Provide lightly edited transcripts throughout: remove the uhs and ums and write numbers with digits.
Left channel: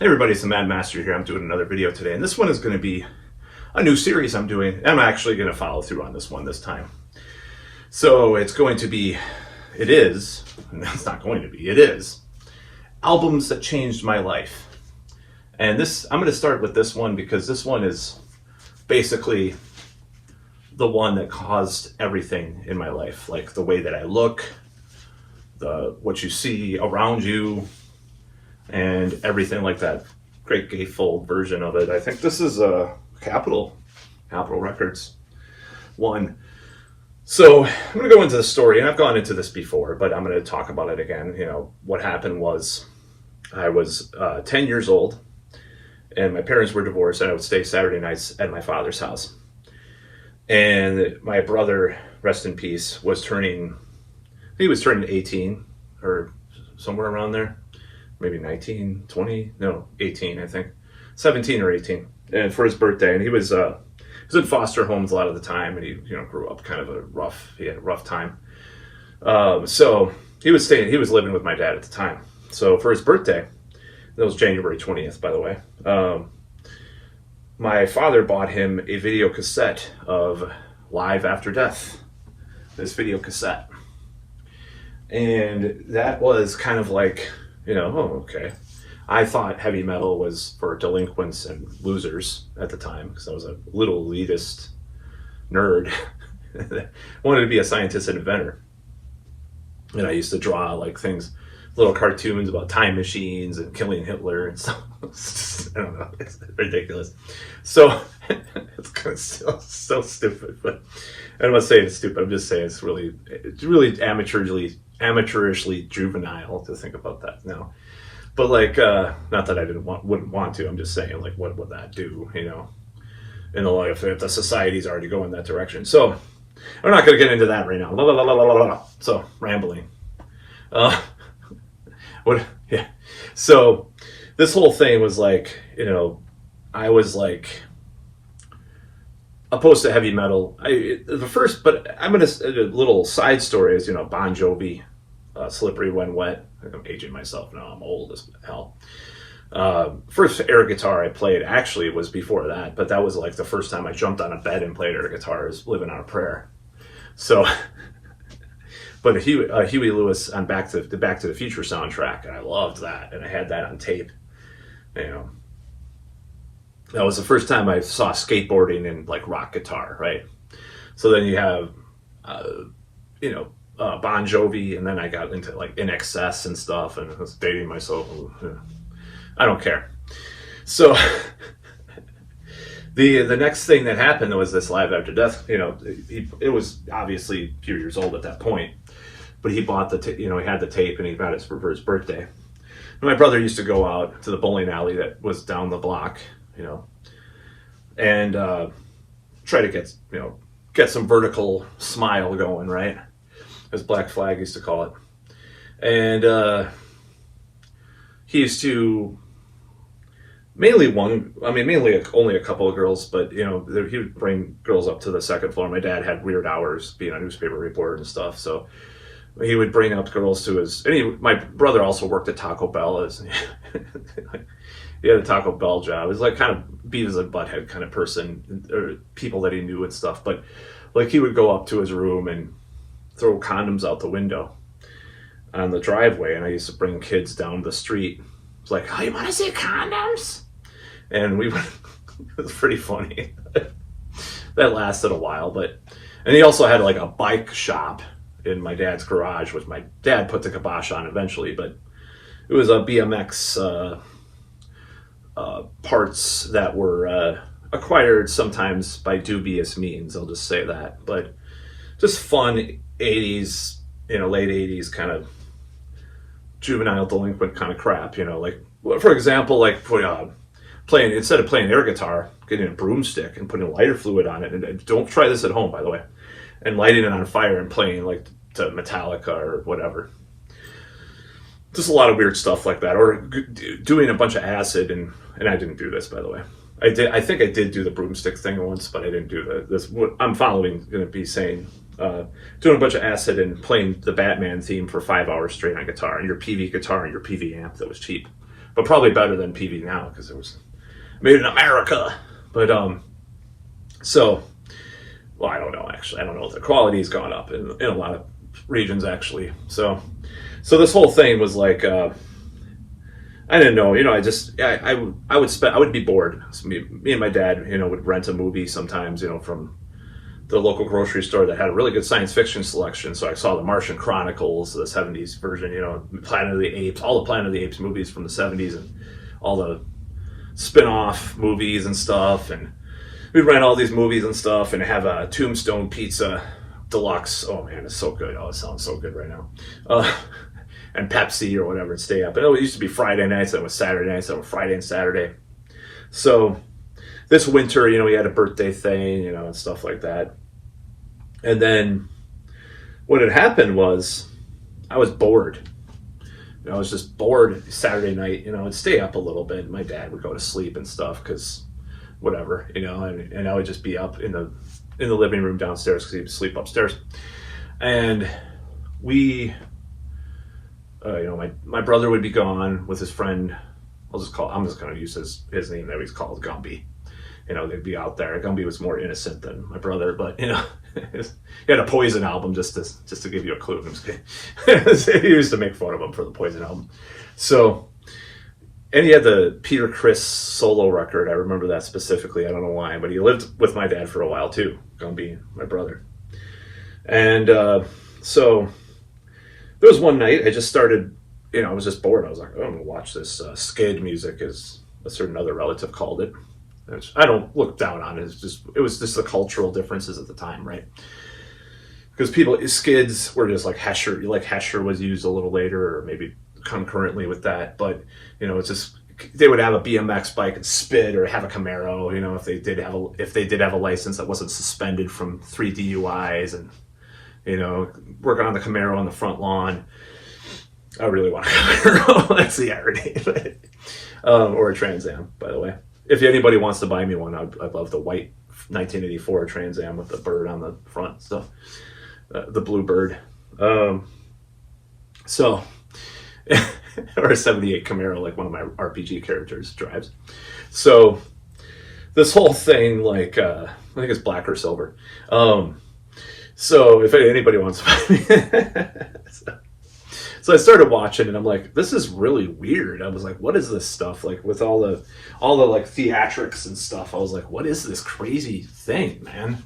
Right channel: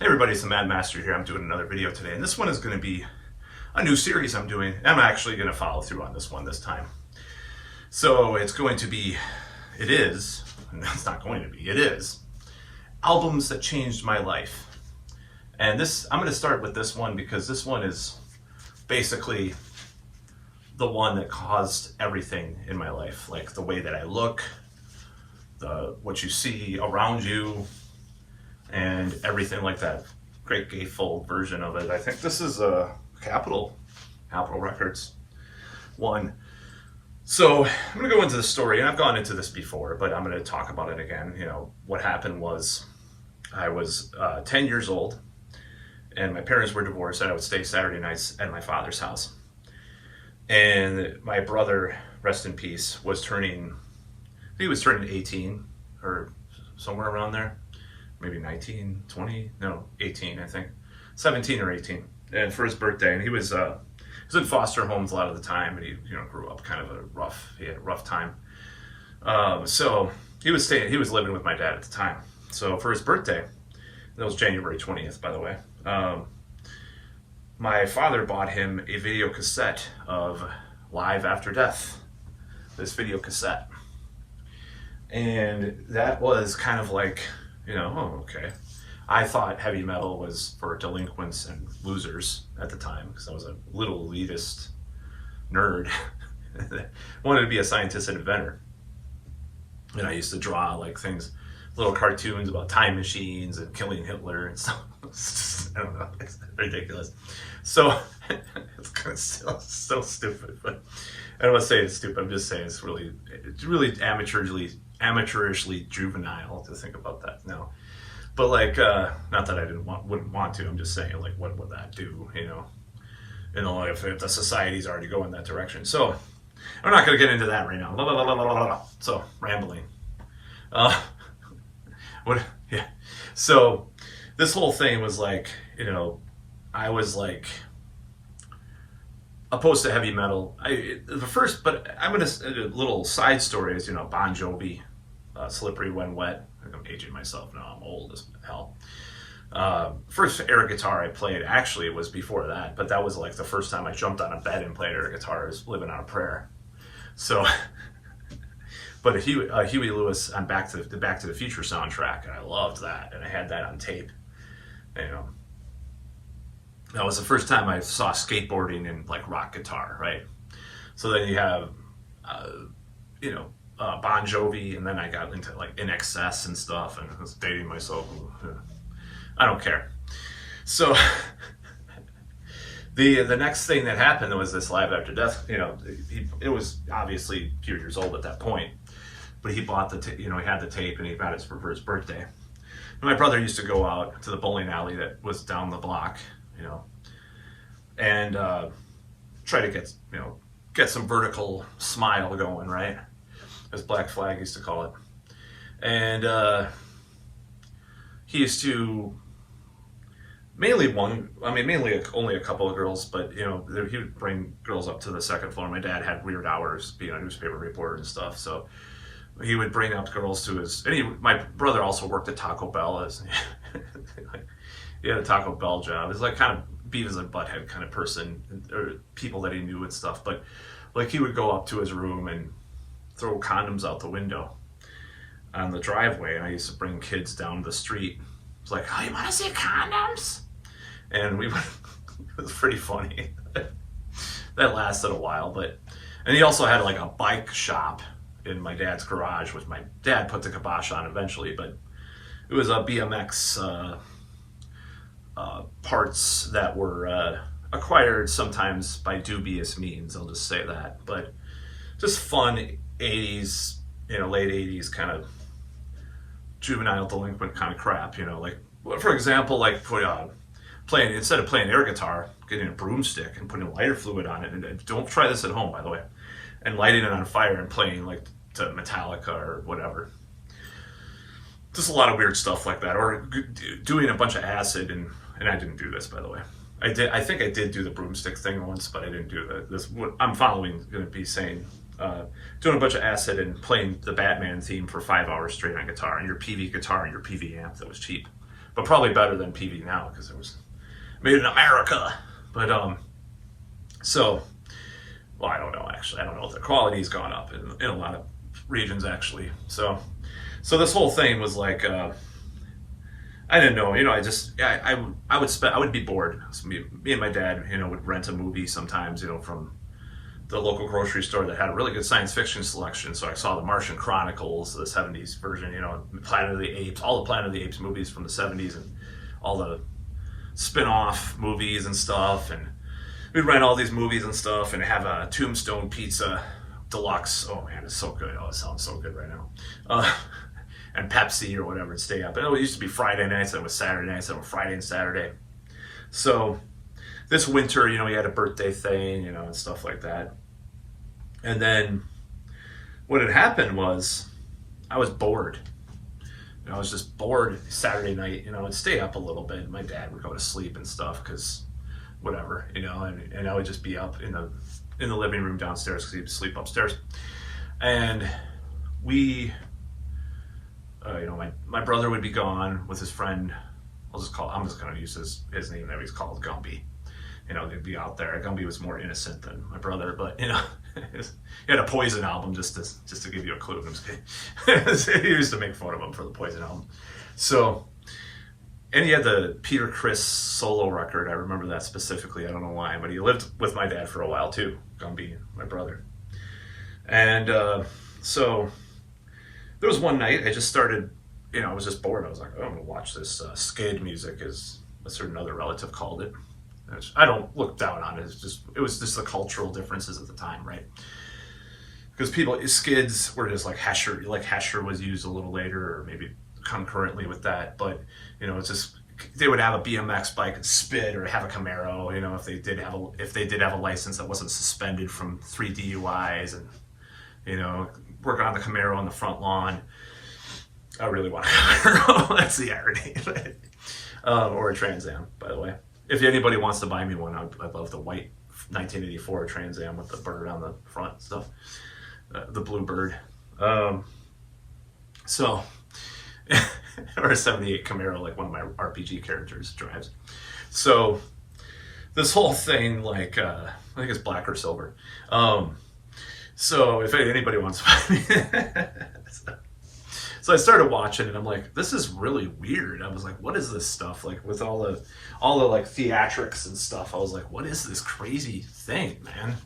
Hey everybody, it's the Mad Master here. I'm doing another video today, and this one is going to be a new series I'm doing. I'm actually going to follow through on this one this time. So it's going to be, it is, and it's not going to be, it is, albums that changed my life. And this, I'm going to start with this one because this one is basically the one that caused everything in my life. Like the way that I look, what you see around you, and everything like that. Great gatefold version of it. I think this is a Capitol Records one. So I'm going to go into the story, and I've gone into this before, but I'm going to talk about it again. You know, what happened was I was 10 years old, and my parents were divorced, and I would stay Saturday nights at my father's house. And my brother, rest in peace, was turning 18 or somewhere around there. Maybe 19, 20, no, 18, I think. 17 or 18. And for his birthday, and he was in foster homes a lot of the time, and he grew up kind of he had a rough time. So he was living with my dad at the time. So for his birthday, that was January 20th, by the way, my father bought him a video cassette of Live After Death, this video cassette. And that was kind of like, okay. I thought heavy metal was for delinquents and losers at the time because I was a little elitist nerd. Wanted to be a scientist and inventor. And I used to draw like things, little cartoons about time machines and killing Hitler and stuff. I don't know, it's ridiculous. So it's kind of so stupid, but I don't want to say it's stupid. I'm just saying it's really amateurishly juvenile to think about that now. But like, not that I wouldn't want to. I'm just saying, like, what would that do? In the life if the society's already going that direction. So I'm not going to get into that right now. So rambling. Yeah. So this whole thing was like, I was like opposed to heavy metal. But I'm gonna a little side story is Bon Jovi, Slippery When Wet. I'm aging myself now. I'm old as hell. First air guitar I played actually was before that, but that was like the first time I jumped on a bed and played air guitar. I was living on a prayer. So, but Huey Lewis on Back to the Future soundtrack, and I loved that, and I had that on tape. That was the first time I saw skateboarding and like rock guitar, right? So then you have, Bon Jovi, and then I got into like In Excess and stuff, and I was dating myself. I don't care. So the next thing that happened was this Live After Death. It was obviously a few years old at that point, but he bought he had the tape, and he got it for his birthday. And my brother used to go out to the bowling alley that was down the block, and try to get some vertical smile going, right? As Black Flag used to call it. And he used to mainly only a couple of girls, but he would bring girls up to the second floor. My dad had weird hours being a newspaper reporter and stuff, so he would bring up girls to his. And my brother also worked at Taco Bell he had a Taco Bell job. It was like kind of Beavis and Butthead kind of person, or people that he knew and stuff. But like he would go up to his room and throw condoms out the window on the driveway, and I used to bring kids down the street. It's like, oh, you want to see condoms? And we went. It was pretty funny. That lasted a while, and he also had like a bike shop in my dad's garage, which my dad put the kibosh on eventually, but it was a BMX parts that were acquired sometimes by dubious means. I'll just say that, but just fun 80s, late 80s kind of juvenile delinquent kind of crap. Like for example, like playing instead of playing air guitar, getting a broomstick and putting lighter fluid on it. And don't try this at home, by the way. And lighting it on fire and playing like to Metallica or whatever. Just a lot of weird stuff like that, or doing a bunch of acid, and I didn't do this, by the way. I think I did do the broomstick thing once, but I didn't do this. What I'm following going to be saying doing a bunch of acid and playing the Batman theme for 5 hours straight on guitar, and your PV guitar and your PV amp that was cheap. but probably better than PV now because it was made in America. But so, well, I don't know actually. I don't know if the quality's gone up in a lot of regions actually. So this whole thing was like, I didn't know, I would be bored. So me and my dad, would rent a movie sometimes, from the local grocery store that had a really good science fiction selection. So I saw the Martian Chronicles, the 70s version, Planet of the Apes, all the Planet of the Apes movies from the 70s and all the spin-off movies and stuff. And we'd rent all these movies and stuff and have a Tombstone Pizza Deluxe. Oh man, it's so good. Oh, it sounds so good right now. And Pepsi or whatever and stay up. And it used to be Friday nights, then it was Saturday nights, then it was Friday and Saturday. So this winter, we had a birthday thing, and stuff like that. And then what had happened was I was bored. I was just bored Saturday night, I'd stay up a little bit. My dad would go to sleep and stuff because whatever, and I would just be up in the living room downstairs because he'd sleep upstairs. And my brother would be gone with his friend. I'm just going to use his name that he's called, Gumby. They'd be out there. Gumby was more innocent than my brother, but he had a Poison album just to give you a clue. He used to make fun of him for the Poison album. So, and he had the Peter Criss solo record. I remember that specifically. I don't know why, but he lived with my dad for a while too. Gumby, my brother. And so there was one night I just started. I was just bored. I was like, oh, I'm gonna watch this skid music, as a certain other relative called it. Which I don't look down on it. It was just the cultural differences at the time, right? Because skids were just like Hesher. Like Hesher was used a little later, or maybe concurrently with that. But it's just they would have a BMX bike and spit, or have a Camaro. If they did have a license that wasn't suspended from 3 DUIs, and working on the Camaro on the front lawn. I really want a Camaro. That's the irony. Or a Trans Am, by the way. If anybody wants to buy me one, I'd love the white 1984 Trans Am with the bird on the front. So, the blue bird. So, or a 78 Camaro, like one of my RPG characters drives. So, this whole thing, I think it's black or silver. So, if anybody wants to buy me. So I started watching and I'm like, this is really weird. I was like, what is this stuff? Like with all the like theatrics and stuff. I was like, what is this crazy thing, man?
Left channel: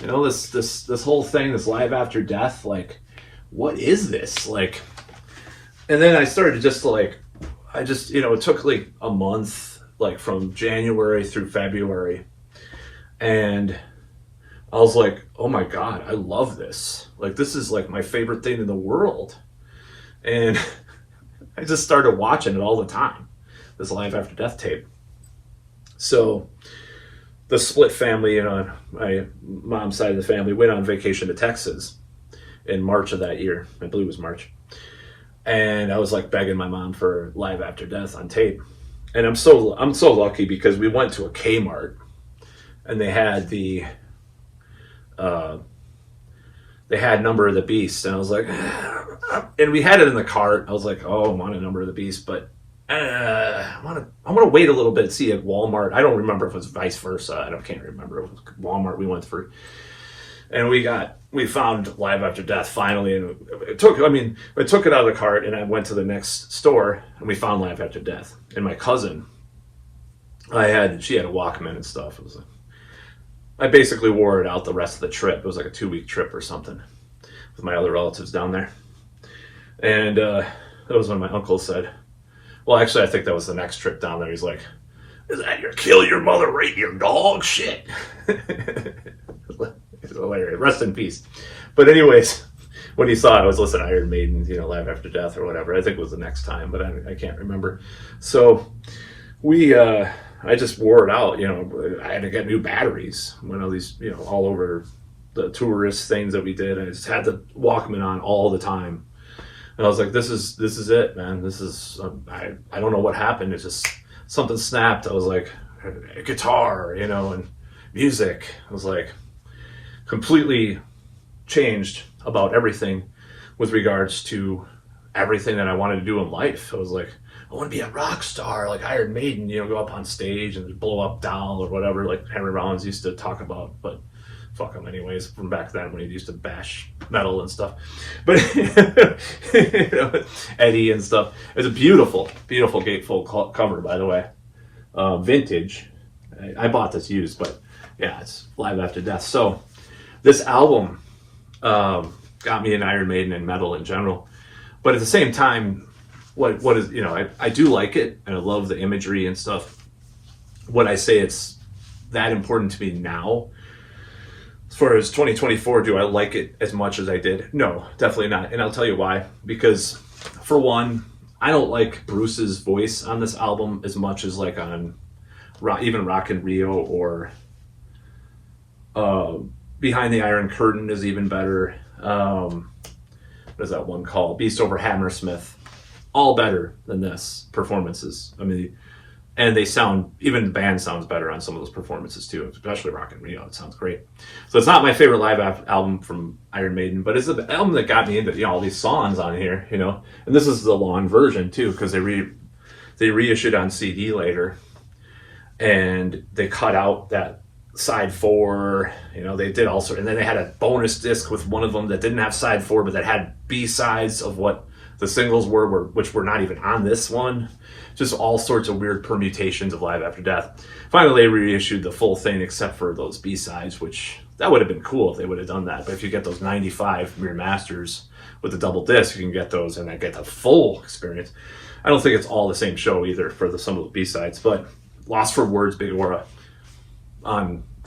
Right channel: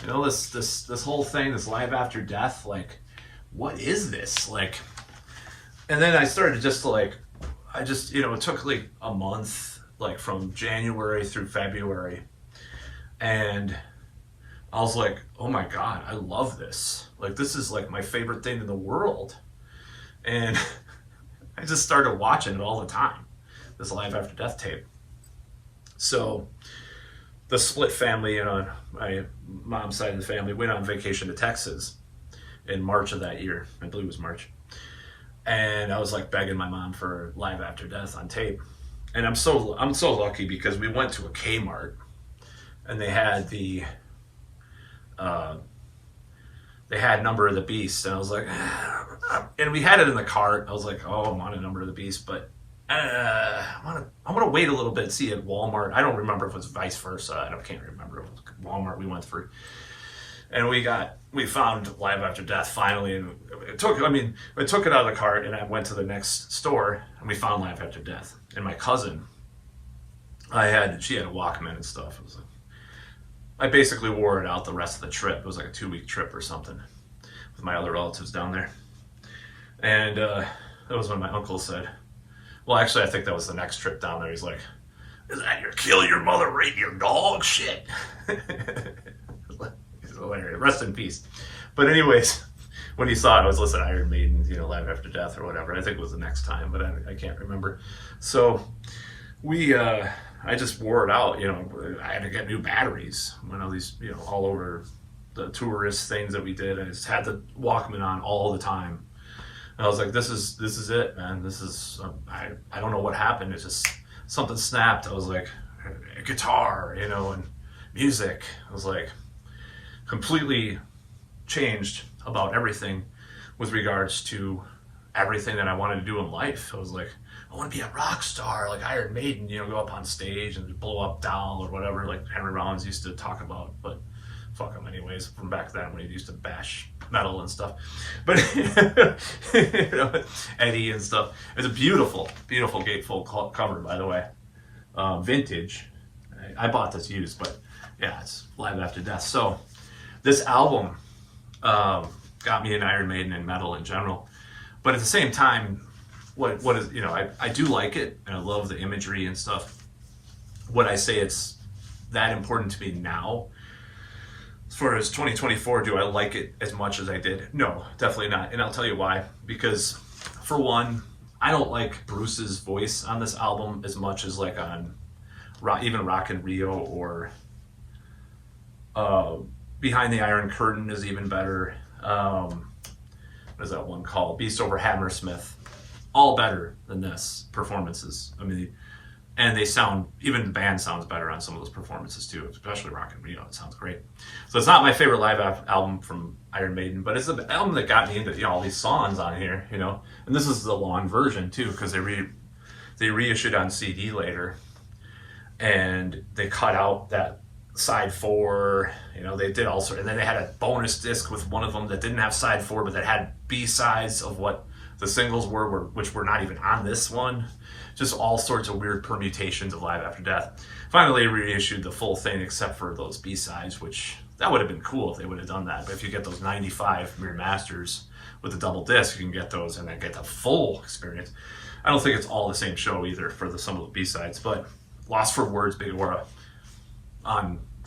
This whole thing, this live after death, like, what is this? Like, and then I started it took like a month, like from January through February. And I was like, oh my God, I love this. Like, this is like my favorite thing in the world. And I just started watching it all the time, this live after death tape. So the split family, my mom's side of the family went on vacation to Texas in March of that year. I believe it was March. And I was like begging my mom for live after death on tape. And I'm so lucky because we went to a Kmart and they had Number of the Beast, and I was like, and we had it in the cart. I was like, oh, I want a Number of the Beast, but I want to wait a little bit, see at Walmart. I don't remember if it was vice versa. I can't remember. It was Walmart we went through, and we found Live After Death finally, and I took it out of the cart, and I went to the next store, and we found Live After Death. And my cousin, she had a Walkman and stuff. It was like, I basically wore it out the rest of the trip. It was like a 2-week trip or something with my other relatives down there. And that was when my uncle said, well, actually, I think that was the next trip down there. He's like, is that your kill your mother, rape your dog shit? It's hilarious. Rest in peace. But anyways, when he saw it, I was listening to Iron Maiden, Live After Death or whatever. I think it was the next time, but I can't remember. So I just wore it out, I had to get new batteries. One of these, all over the tourist things that we did. I just had the Walkman on all the time. And I was like, this is it, man. This is, I don't know what happened. It's just something snapped. I was like, guitar, and music. I was like, completely changed about everything with regards to everything that I wanted to do in life. I was like, I want to be a rock star like Iron Maiden, you know, go up on stage and blow up doll or whatever, like Henry Rollins used to talk about. But fuck him anyways, from back then when he used to bash metal and stuff. But you know, Eddie and stuff. It's a beautiful, beautiful gatefold cover, by the way. Vintage. I bought this used, but yeah, it's Live After Death. So this album got me in Iron Maiden and metal in general. But at the same time, what is, you know, I do like it, and I love the imagery and stuff. Would I say it's that important to me now? As far as 2024, do I like it as much as I did? No, definitely not. And I'll tell you why. Because for one, I don't like Bruce's voice on this album as much as like on even Rock in Rio, or Behind the Iron Curtain is even better. What is that one called? Beast Over Hammersmith. All better than this performances. I mean, and they sound, even the band sounds better on some of those performances too, especially Rock in Rio. It sounds great. So it's not my favorite live album from Iron Maiden, but it's the album that got me into, you know, all these songs on here, you know. And this is the long version too, because they reissued on CD later, and they cut out that side 4, you know, they did also, and then they had a bonus disc with one of them that didn't have side 4, but that had B-sides of what the singles were, which were not even on this one. Just all sorts of weird permutations of Live After Death. Finally, they reissued the full thing except for those B-sides, which that would have been cool if they would have done that. But if you get those 95 Mere Masters with the double disc, you can get those and then get the full experience. I don't think it's all the same show either for some of the B-sides, but Lost for Words, Big Aura,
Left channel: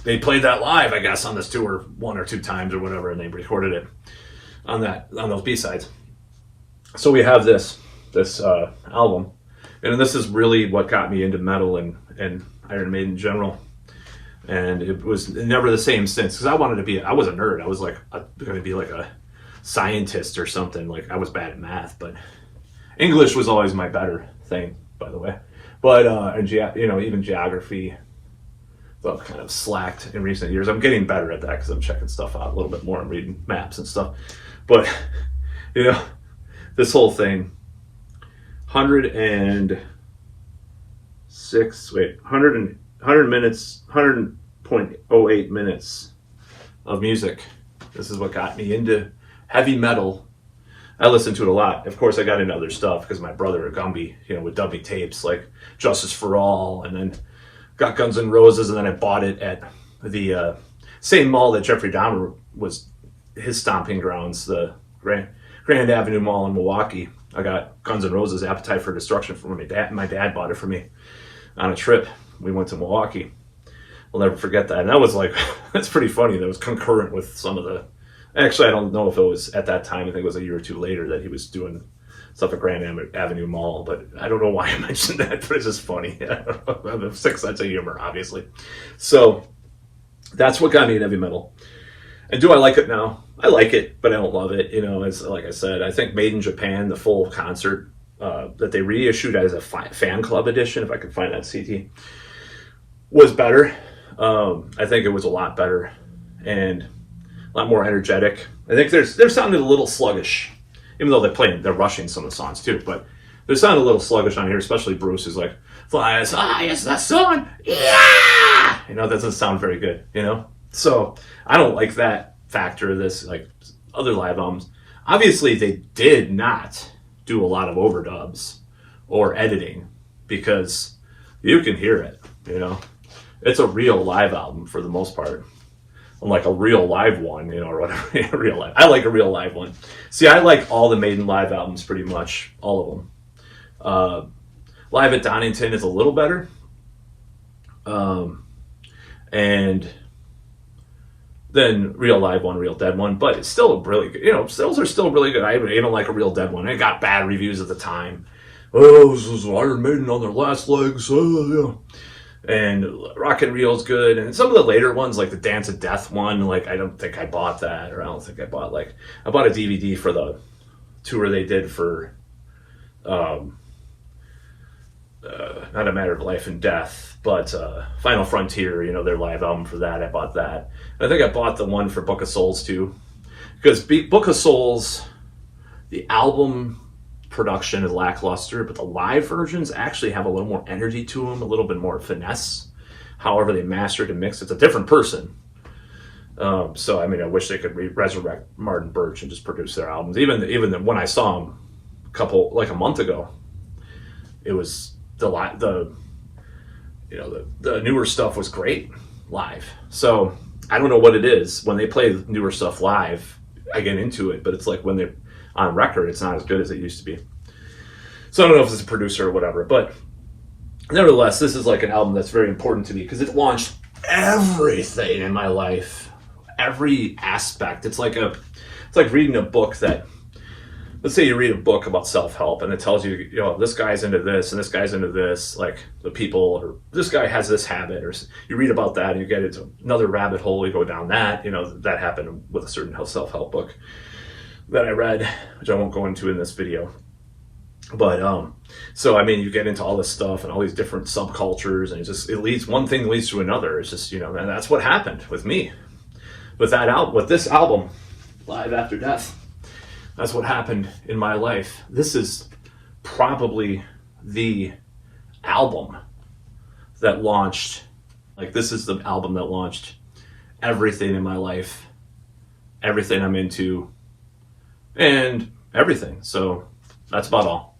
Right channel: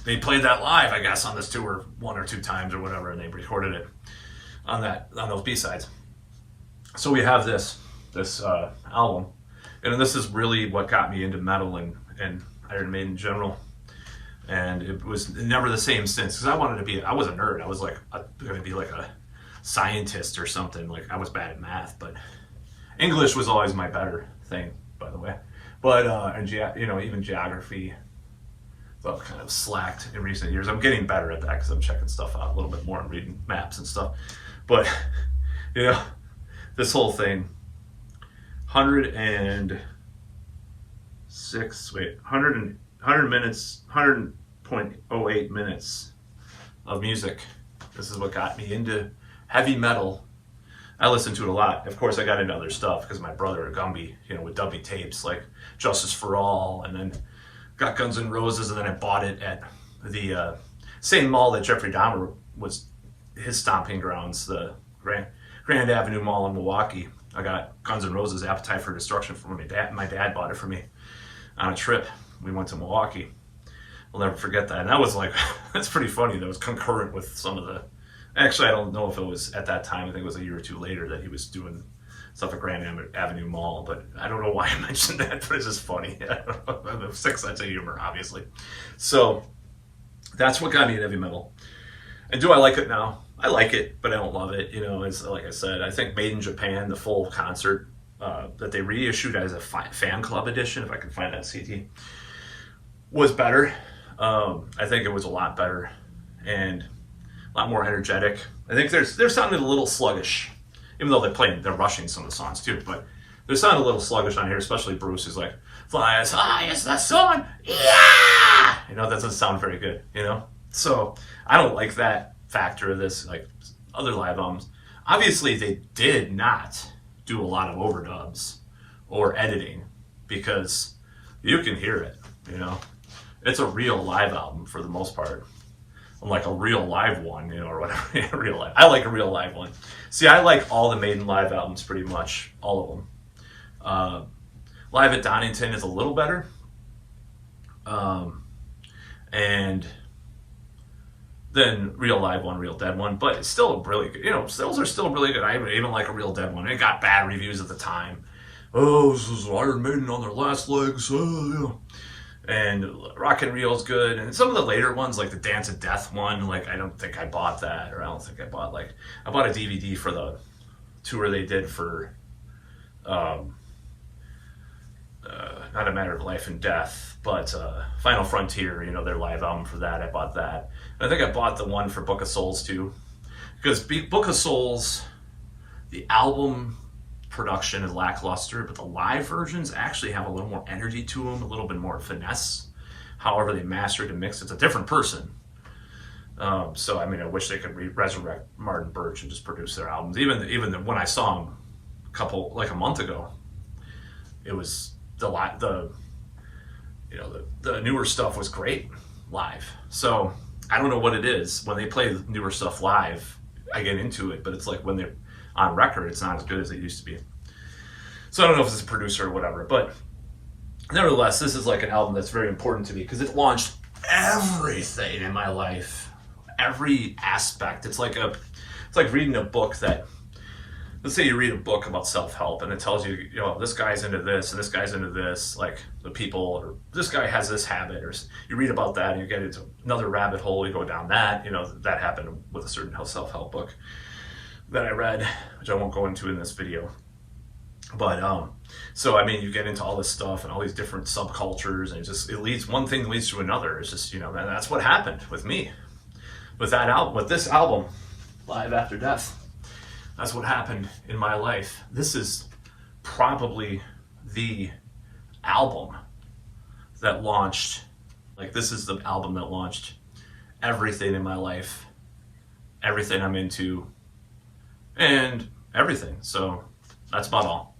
they played that live, I guess, on this tour 1 or 2 times or whatever, and they recorded it on those B-sides. So we have this album, and this is really what got me into metal and Iron Maiden in general. And it was never the same since, because I was a nerd. I was like going to be like a scientist or something. Like, I was bad at math, but English was always my better thing, by the way. But and you know, even geography, well, kind of slacked in recent years. I'm getting better at that because I'm checking stuff out a little bit more and reading maps and stuff. But you know, this whole thing, 100 minutes, 100.08 minutes of music. This is what got me into heavy metal. I listened to it a lot. Of course, I got into other stuff because my brother Gumby, you know, would dub me tapes like Justice for All, and then got Guns N' Roses, and then I bought it at the same mall that Jeffrey Dahmer was his stomping grounds, the Grand Avenue Mall in Milwaukee. I got Guns N' Roses' Appetite for Destruction from my dad. My dad bought it for me on a trip. We went to Milwaukee. I'll never forget that. And that was like, that's pretty funny. That was concurrent with some of the, actually, I don't know if it was at that time. I think it was a year or 2 later that he was doing stuff at Grand Avenue Mall. But I don't know why I mentioned that, but it's just funny. I have a 6 sense of humor, obviously. So that's what got me in heavy metal. And do I like it now? I like it, but I don't love it. You know, as like I said, I think Made in Japan, the full concert that they reissued as a fan club edition, if I could find that CD, was better. I think it was a lot better and a lot more energetic. I think they're sounding a little sluggish, even though they're rushing some of the songs too. But they're sounding a little sluggish on here, especially Bruce is like, "Fly as high as the sun, yeah!" You know, that doesn't sound very good. You know. So I don't like that factor of this, like other live albums. Obviously, they did not do a lot of overdubs or editing because you can hear it, you know. It's a real live album for the most part. Unlike a real live one, you know, or whatever. Real live. I like a real live one. See, I like all the Maiden-Live albums pretty much, all of them. Live at Donington is a little better. And then Real Live one, Real Dead one, but it's still really good. You know, those are still really good. I even like a Real Dead one. It got bad reviews at the time. Oh, this is Iron Maiden on their last legs. Oh, yeah. And Rock in Rio is good. And some of the later ones, like the Dance of Death one, like I don't think I bought that, or I don't think I bought I bought a DVD for the tour they did for not A Matter of Life and Death, but Final Frontier, you know, their live album for that. I bought that. I think I bought the one for Book of Souls too, because Book of Souls, the album production is lackluster, but the live versions actually have a little more energy to them, a little bit more finesse. However they mastered and mixed, it's a different person. So I mean, I wish they could resurrect Martin Birch and just produce their albums. Even when I saw him a month ago, it was the newer stuff was great live. So I don't know what it is when they play the newer stuff live. I get into it, but it's like when they're on record, it's not as good as it used to be. So I don't know if it's a producer or whatever, but nevertheless, this is like an album that's very important to me because it launched everything in my life, every aspect. It's like reading a book that, let's say you read a book about self-help and it tells you, this guy's into this and this guy's into this, like the people, or this guy has this habit, or you read about that and you get into another rabbit hole, you go down that, that happened with a certain self-help book that I read, which I won't go into in this video. But so I mean, you get into all this stuff and all these different subcultures, and one thing leads to another. It's just, and that's what happened with me with this album, Live After Death. That's what happened in my life. This is probably the album that launched, this is the album that launched everything in my life, everything I'm into, and everything. So that's about all.